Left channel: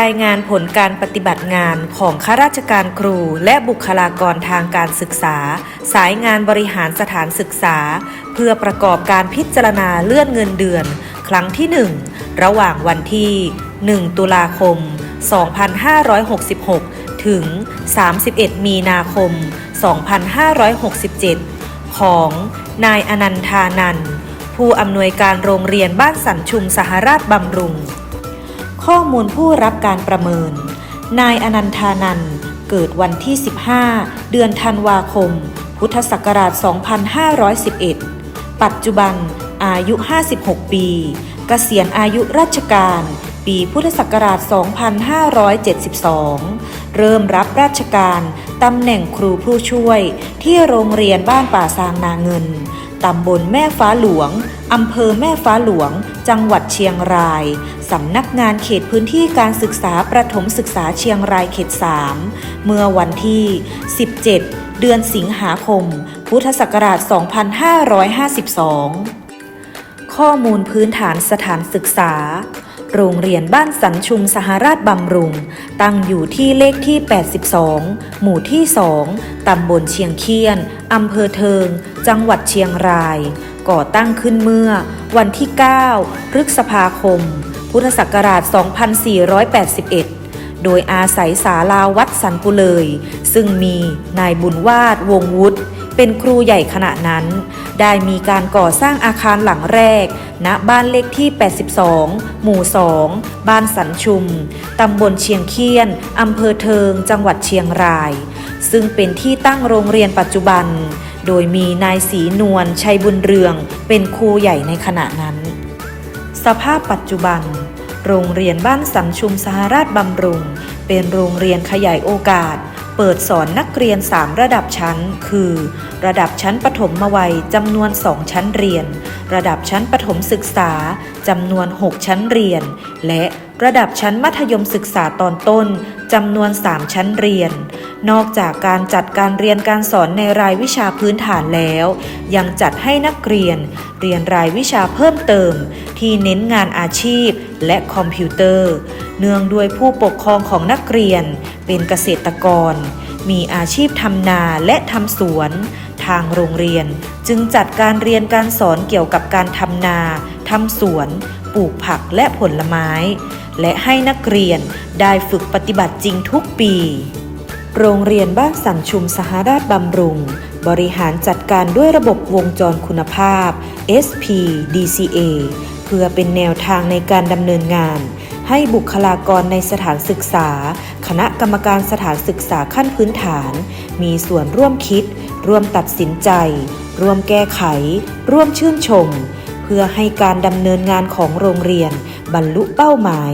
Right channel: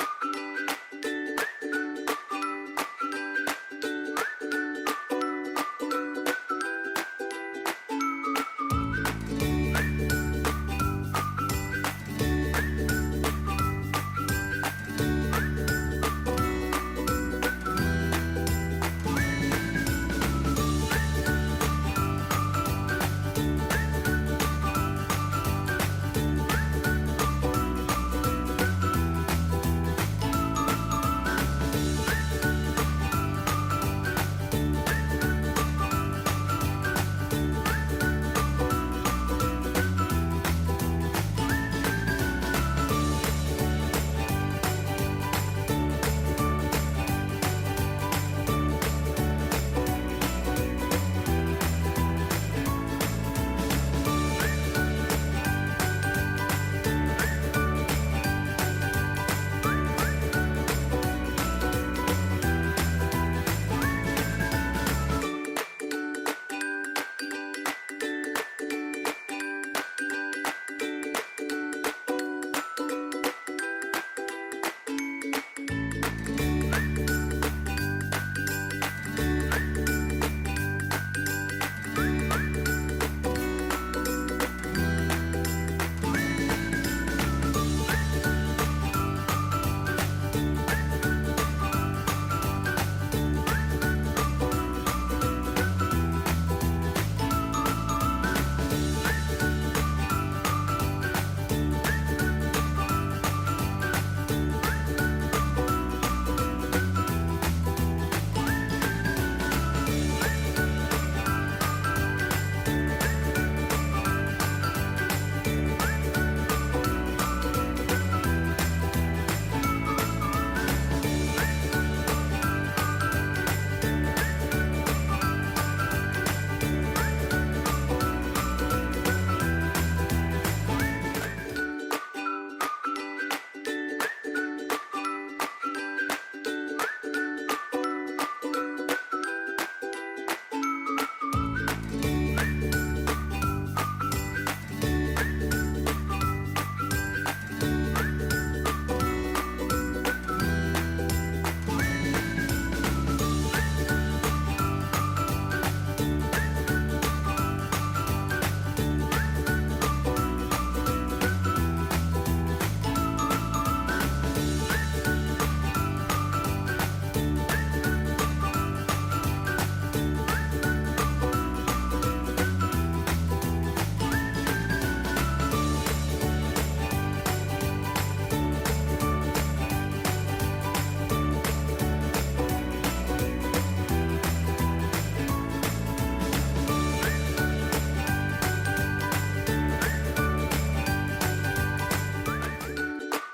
รายงานผลการปฏิบัติงานของข้าราชการครูและบุคลากรทางการศึกษา สายงานบริหารสถานศึกษา เพื่อประกอบการพิจารณาเลื่อนเงินเดือน ครั้งที่ 1 ระหว่างวันที่ 1 ตุลาคม 2566 ถึง 31 มีนาคม 2567 ของนายอนันทานันผู้อำนวยการโรงเรียนบ้านสันชุมสหราชบำรุง ข้อมูลผู้รับการประเมิน นายอนันทานันเกิดวันที่ 15 เดือนธันวาคม พุทธศักราช 2511 ปัจจุบันอายุ 56 ปี เกษียณอายุราชการ ปีพุทธศักราช 2572 เริ่มรับราชการตำแหน่งครูผู้ช่วย ที่โรงเรียนบ้านป่าซางนาเงิน ตำบลแม่ฟ้าหลวง อำเภอแม่ฟ้าหลวง จังหวัดเชียงราย สำนักงานเขตพื้นที่การศึกษาประถมศึกษาเชียงรายเขต 3 เมื่อวันที่ 17 เดือนสิงหาคม พุทธศักราช 2552 ข้อมูลพื้นฐานสถานศึกษา โรงเรียนบ้านสันชุมสหราชบำรุง ตั้งอยู่ที่เลขที่ 82 หมู่ที่ 2 ตำบลเชียงเคียน อำเภอเทิง จังหวัดเชียงรายก่อตั้งขึ้นเมื่อวันที่ 9 พฤษภาคม พุทธศักราช 2481 โดยอาศัยศาลาวัดสันปุเลย ซึ่งมีนายบุญวาดวงวุฒิเป็นครูใหญ่ขณะนั้น ได้มีการก่อสร้างอาคารหลังแรก ณ บ้านเลขที่ 82 หมู่ 2 บ้านสันชุม ตำบลเชียงเคียน อำเภอเทิง จังหวัดเชียงราย ซึ่งเป็นที่ตั้งโรงเรียนปัจจุบัน โดยมีนายศรีนวลชัยบุญเรือง เป็นครูใหญ่ในขณะนั้น สภาพปัจจุบัน โรงเรียนบ้านสังชุมสหราชบำรุง เป็นโรงเรียนขยายโอกาส เปิดสอนนักเรียน 3 ระดับชั้น คือ ระดับชั้นประถมวัยจำนวน 2 ชั้นเรียน ระดับชั้นประถมศึกษาจำนวน 6 ชั้นเรียน และระดับชั้นมัธยมศึกษาตอนต้นจำนวน 3 ชั้นเรียน นอกจากการจัดการเรียนการสอนในรายวิชาพื้นฐานแล้ว ยังจัดให้นักเรียน เรียนรายวิชาเพิ่มเติม ที่เน้นงานอาชีพและคอมพิวเตอร์ เนื่องด้วยผู้ปกครองของนักเรียน เป็นเกษตรกร มีอาชีพทำนาและทำสวน ทางโรงเรียน จึงจัดการเรียนการสอนเกี่ยวกับการทำนาทำสวนปลูกผักและผลไม้ และให้นักเรียนได้ฝึกปฏิบัติจริงทุกปี โรงเรียนบ้านสังชุมสหราชบำรุง บริหารจัดการด้วยระบบวงจรคุณภาพ SP DCA เพื่อเป็นแนวทางในการดำเนินงาน ให้บุคลากรในสถานศึกษา คณะกรรมการสถานศึกษาขั้นพื้นฐาน มีส่วนร่วมคิด ร่วมตัดสินใจ ร่วมแก้ไข ร่วมชื่นชม เพื่อให้การดำเนินงานของโรงเรียนบรรลุเป้าหมาย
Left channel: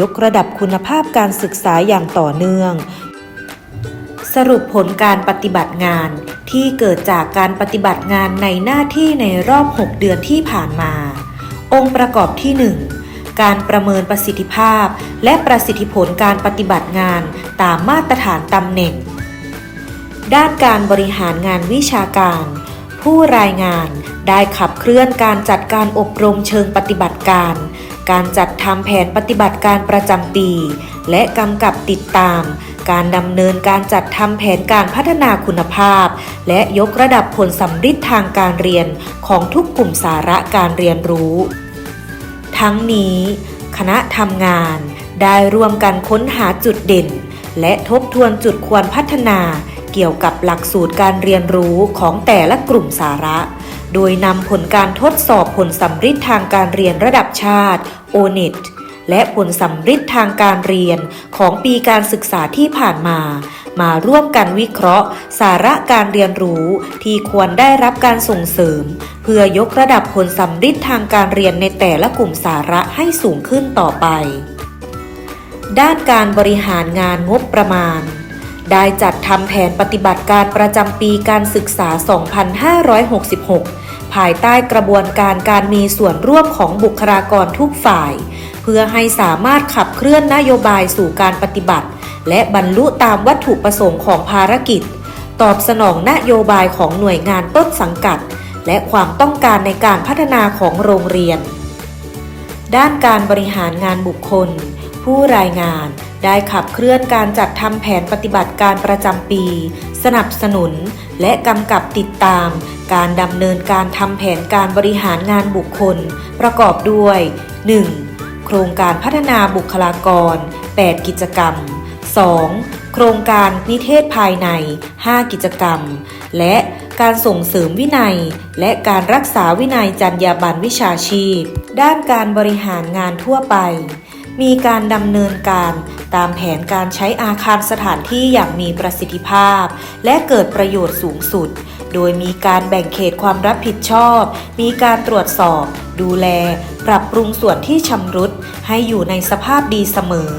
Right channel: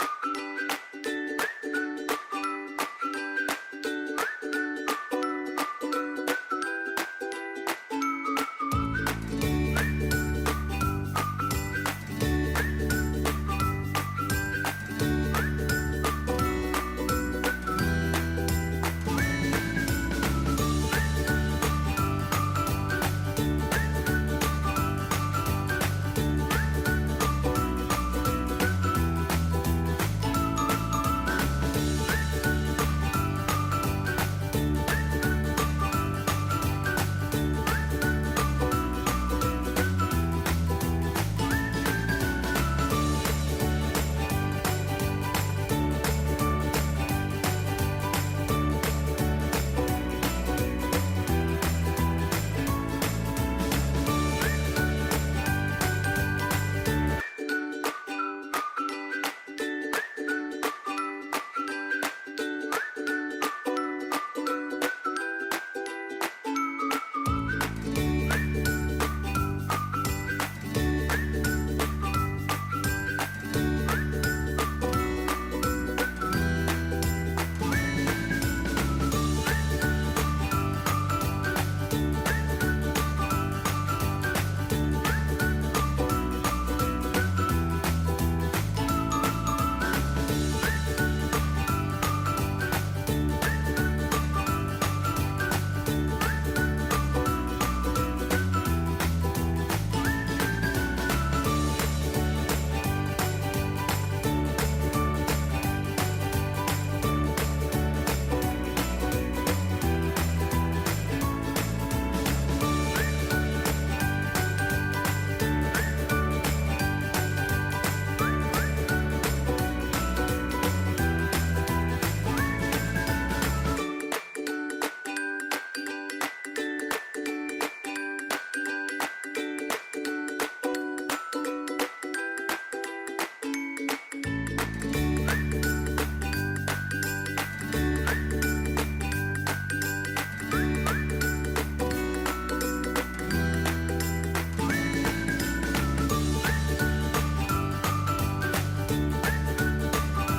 ยกระดับคุณภาพการศึกษาอย่างต่อเนื่อง สรุปผลการปฏิบัติงานที่เกิดจากการปฏิบัติงานในหน้าที่ในรอบ 6 เดือนที่ผ่านมา องค์ประกอบที่ 1 การประเมินประสิทธิภาพ และประสิทธิผลการปฏิบัติงานตามมาตรฐานตำแหน่ง ด้านการบริหารงานวิชาการ ผู้รายงานได้ขับเคลื่อนการจัดการอบรมเชิงปฏิบัติการ การจัดทำแผนปฏิบัติการประจำปี และกำกับติดตาม การดำเนินการจัดทำแผนการพัฒนาคุณภาพ และยกระดับผลสัมฤทธิ์ทางการเรียนของทุกกลุ่มสาระการเรียนรู้ ทั้งนี้ คณะทำงานได้ร่วมกันค้นหาจุดเด่น และทบทวนจุดควรพัฒนาเกี่ยวกับหลักสูตรการเรียนรู้ของแต่ละกลุ่มสาระ โดยนำผลการทดสอบผลสัมฤทธิ์ทางการเรียนระดับชาติ ONET และผลสัมฤทธิ์ทางการเรียนของปีการศึกษาที่ผ่านมา มาร่วมกันวิเคราะห์ สาระการเรียนรู้ที่ควรได้รับการส่งเสริม เพื่อยกระดับผลสัมฤทธิ์ทางการเรียนในแต่ละกลุ่มสาระให้สูงขึ้นต่อไป ด้านการบริหารงานงบประมาณได้จัดทำแผนปฏิบัติการประจำปีการศึกษา 2566 ภายใต้กระบวนการการมีส่วนร่วมของบุคลากรทุกฝ่าย เพื่อให้สามารถขับเคลื่อนนโยบายสู่การปฏิบัติ และบรรลุตามวัตถุประสงค์ของภารกิจ ตอบสนองนโยบายของหน่วยงานต้นสังกัด และความต้องการในการพัฒนาของโรงเรียน ด้านการบริหารงานบุคคลผผู้รายงานได้ขับเคลื่อนการจัดทำแผนปฏิบัติการประจำปี สนับสนุน และกำกับติดตาม การดำเนินการทำแผนการบริหารงานบุคคล ประกอบด้วย 1. โครงการพัฒนาบุคลากร 8 กิจกรรม 2. โครงการนิเทศภายใน 5 กิจกรรม และการส่งเสริมวินัย และการรักษาวินัยจรรยาบรรณวิชาชีพ ด้านการบริหารงานทั่วไป มีการดำเนินการตามแผนการใช้อาคารสถานที่อย่างมีประสิทธิภาพ และเกิดประโยชน์สูงสุด โดยมีการแบ่งเขตความรับผิดชอบ มีการตรวจสอบ ดูแล ปรับปรุงส่วนที่ชำรุดให้อยู่ในสภาพดีเสมอ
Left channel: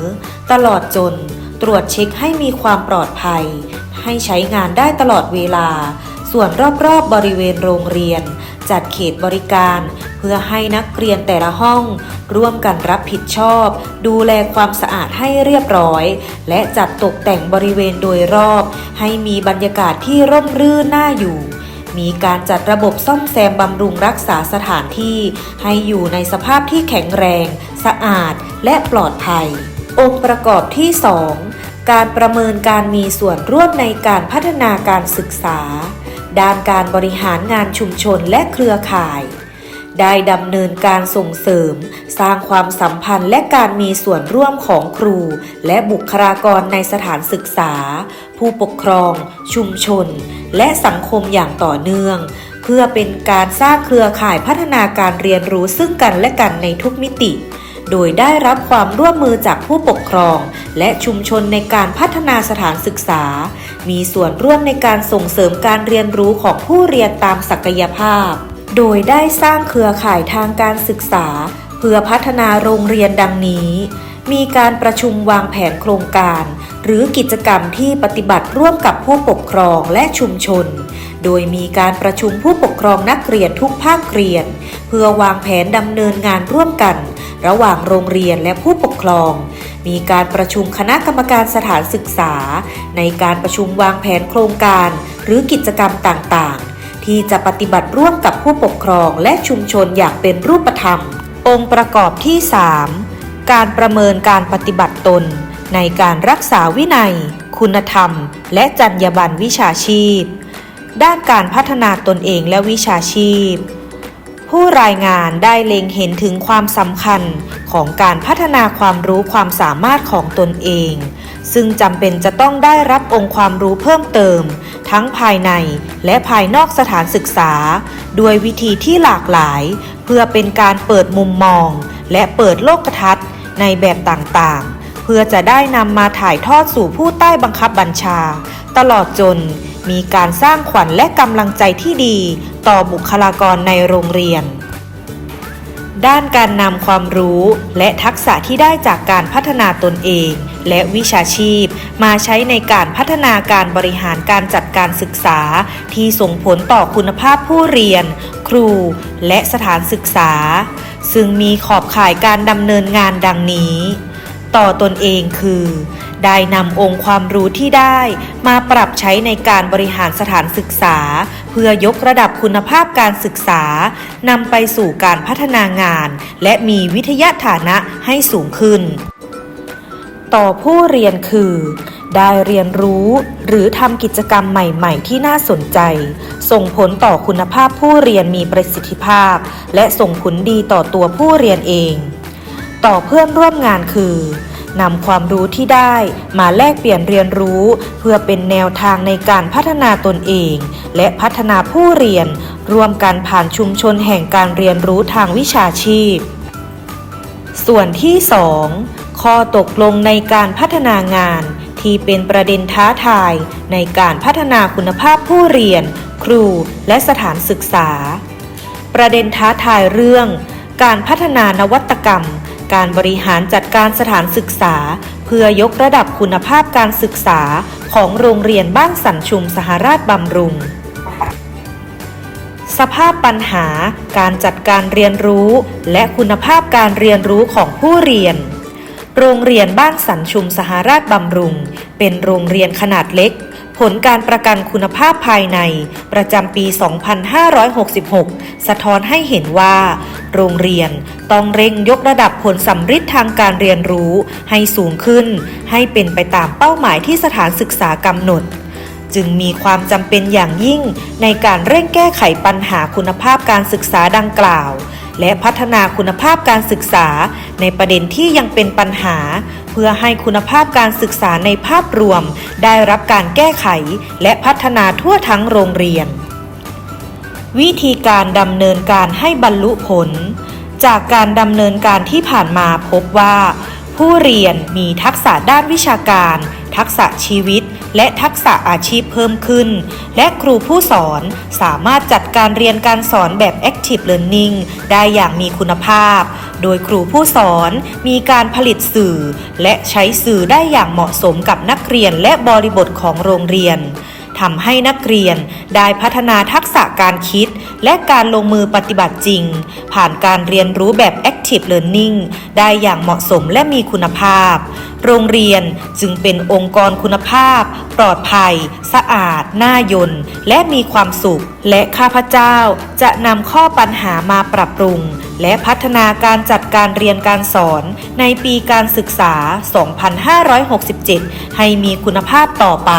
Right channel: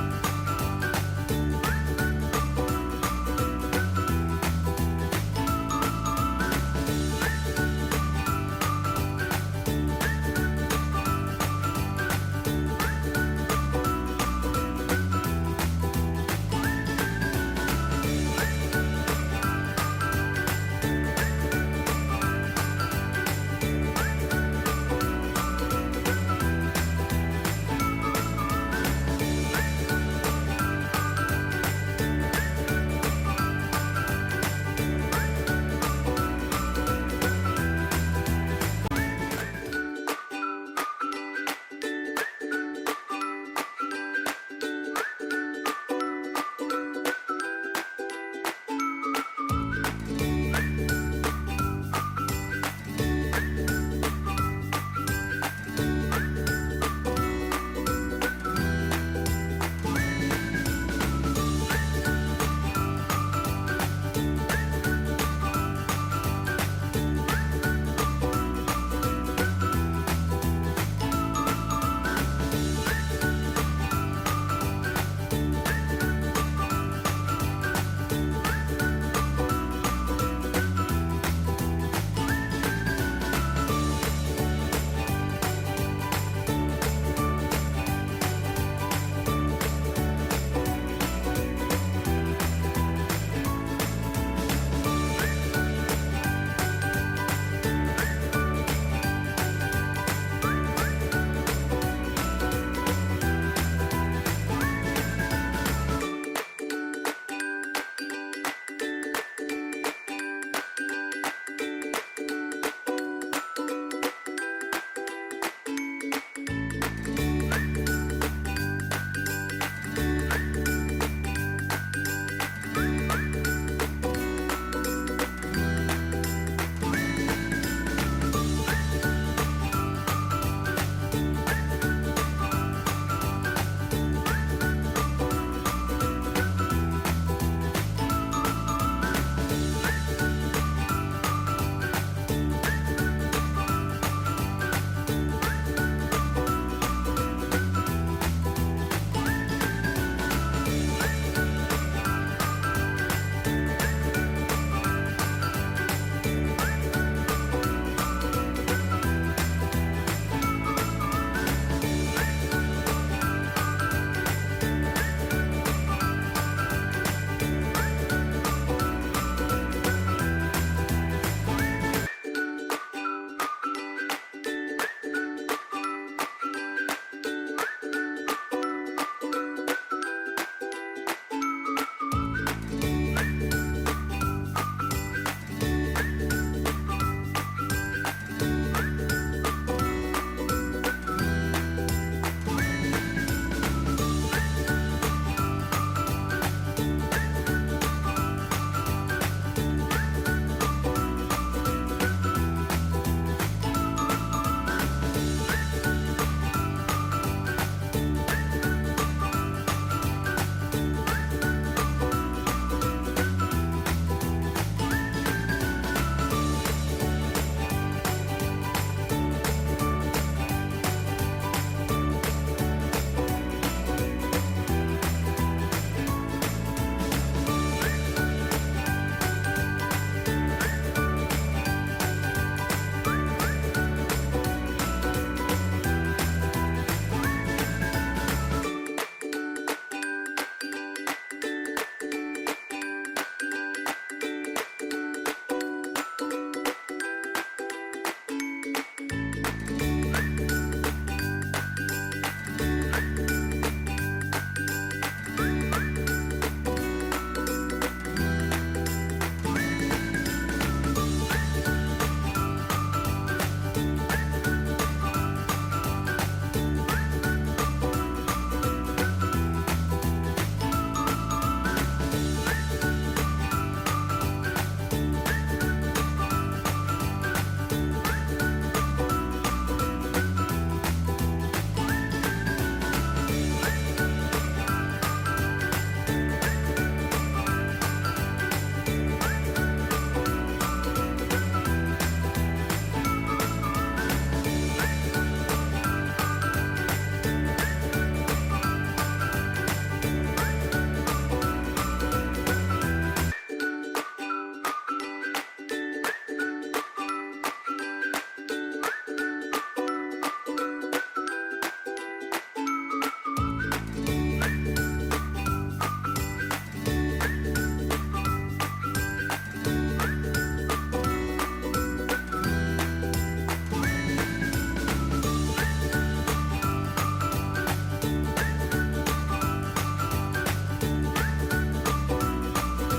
ตลอดจนตรวจเช็คให้มีความปลอดภัย ให้ใช้งานได้ตลอดเวลา ส่วนรอบๆบริเวณโรงเรียน จัดเขตบริการ เพื่อให้นักเรียนแต่ละห้อง ร่วมกันรับผิดชอบ ดูแลความสะอาดให้เรียบร้อย และจัดตกแต่งบริเวณโดยรอบ ให้มีบรรยากาศที่ร่มรื่นน่าอยู่ มีการจัดระบบซ่อมแซมบำรุงรักษาสถานที่ ให้อยู่ในสภาพที่แข็งแรง สะอาด และปลอดภัย องค์ประกอบที่ 2 การประเมินการมีส่วนร่วมในการพัฒนาการศึกษา ด้านการบริหารงานชุมชนและเครือข่าย ได้ดำเนินการส่งเสริม สร้างความสัมพันธ์และการมีส่วนร่วมของครู และบุคลากรในสถานศึกษา ผู้ปกครอง ชุมชน และสังคมอย่างต่อเนื่อง เพื่อเป็นการสร้างเครือข่ายพัฒนาการเรียนรู้ซึ่งกันและกันในทุกมิติ โดยได้รับความร่วมมือจากผู้ปกครอง และชุมชนในการพัฒนาสถานศึกษา มีส่วนร่วมในการส่งเสริมการเรียนรู้ของผู้เรียนตามศักยภาพ โดยได้สร้างเครือข่ายทางการศึกษา เพื่อพัฒนาโรงเรียนดังนี้ มีการประชุมวางแผนโครงการ หรือกิจกรรมที่ปฏิบัติร่วมกับผู้ปกครองและชุมชน โดยมีการประชุมผู้ปกครองนักเรียนทุกภาคเรียน เพื่อวางแผนดำเนินงานร่วมกัน ระหว่างโรงเรียนและผู้ปกครองมีการประชุมคณะกรรมการสถานศึกษา ในการประชุมวางแผนโครงการ หรือกิจกรรมต่างๆ ที่จะปฏิบัติร่วมกับผู้ปกครองและชุมชนอย่างเป็นรูปธรรม องค์ประกอบที่ 3 การประเมินการปฏิบัติตน ในการรักษาวินัย คุณธรรม และจรรยาบรรณวิชาชีพ ด้านการพัฒนาตนเองและวิชาชีพ ผู้รายงานได้เล็งเห็นถึงความสำคัญของการพัฒนาความรู้ความสามารถของตนเอง ซึ่งจำเป็นจะต้องได้รับองค์ความรู้เพิ่มเติม ทั้งภายในและภายนอกสถานศึกษา ด้วยวิธีที่หลากหลาย เพื่อเป็นการเปิดมุมมอง และเปิดโลกทัศน์ในแบบต่างๆ เพื่อจะได้นำมาถ่ายทอดสู่ผู้ใต้บังคับบัญชา ตลอดจนมีการสร้างขวัญและกำลังใจที่ดีต่อบุคลากรในโรงเรียน ด้านการนำความรู้และทักษะที่ได้จากการพัฒนาตนเอง และวิชาชีพ มาใช้ในการพัฒนาการบริหารการจัดการศึกษา ที่ส่งผลต่อคุณภาพผู้เรียน ครู และสถานศึกษา ซึ่งมีขอบข่ายการดำเนินงานดังนี้ ต่อตนเองคือได้นำองค์ความรู้ที่ได้มาปรับใช้ในการบริหารสถานศึกษา เพื่อยกระดับคุณภาพการศึกษานำไปสู่การพัฒนางาน และมีวิทยาฐานะให้สูงขึ้น ต่อผู้เรียนคือ ได้เรียนรู้หรือทำกิจกรรมใหม่ ๆ ที่น่าสนใจ ส่งผลต่อคุณภาพผู้เรียนมีประสิทธิภาพ และส่งผลดีต่อตัวผู้เรียนเอง ต่อเพื่อนร่วมงานคือนำความรู้ที่ได้มาแลกเปลี่ยนเรียนรู้ เพื่อเป็นแนวทางในการพัฒนาตนเอง และพัฒนาผู้เรียนร่วมกันผ่านชุมชนแห่งการเรียนรู้ทางวิชาชีพ ส่วนที่ 2 ข้อตกลงในการพัฒนางาน ที่เป็นประเด็นท้าทายในการพัฒนาคุณภาพผู้เรียน ครูและสถานศึกษา ประเด็นท้าทายเรื่อง การพัฒนานวัตกรรม การบริหารจัดการสถานศึกษา เพื่อยกระดับคุณภาพการศึกษาของโรงเรียนบ้านสันชุมสหราชบำรุงสภาพปัญหา การจัดการเรียนรู้ และคุณภาพการเรียนรู้ของผู้เรียน โรงเรียนบ้านสันชุมสหราชบำรุง เป็นโรงเรียนขนาดเล็ก ผลการประกันคุณภาพภายใน ประจำปี 2566 สะท้อนให้เห็นว่า โรงเรียนต้องเร่งยกระดับผลสัมฤทธิ์ทางการเรียนรู้ให้สูงขึ้น ให้เป็นไปตามเป้าหมายที่สถานศึกษากำหนดจึงมีความจำเป็นอย่างยิ่งในการเร่งแก้ไขปัญหาคุณภาพการศึกษาดังกล่าว และพัฒนาคุณภาพการศึกษา ในประเด็นที่ยังเป็นปัญหา เพื่อให้คุณภาพการศึกษาในภาพรวม ได้รับการแก้ไข และพัฒนาทั่วทั้งโรงเรียน วิธีการดำเนินการให้บรรลุผล จากการดำเนินการที่ผ่านมาพบว่า ผู้เรียนมีทักษะด้านวิชาการ ทักษะชีวิต และทักษะอาชีพเพิ่มขึ้น และครูผู้สอนสามารถจัดการเรียนการสอนแบบ Active Learning ได้อย่างมีคุณภาพ โดยครูผู้สอนมีการผลิตสื่อ และใช้สื่อได้อย่างเหมาะสมกับนักเรียนและบริบทของโรงเรียนทำให้นักเรียนได้พัฒนาทักษะการคิด และการลงมือปฏิบัติจริง ผ่านการเรียนรู้แบบ Active Learning ได้อย่างเหมาะสมและมีคุณภาพ โรงเรียนจึงเป็นองค์กรคุณภาพ ปลอดภัย สะอาด น่ายนและมีความสุข และข้าพเจ้าจะนำข้อปัญหามาปรับปรุง และพัฒนาการจัดการเรียนการสอน ในปีการศึกษา 2567 ให้มีคุณภาพต่อไป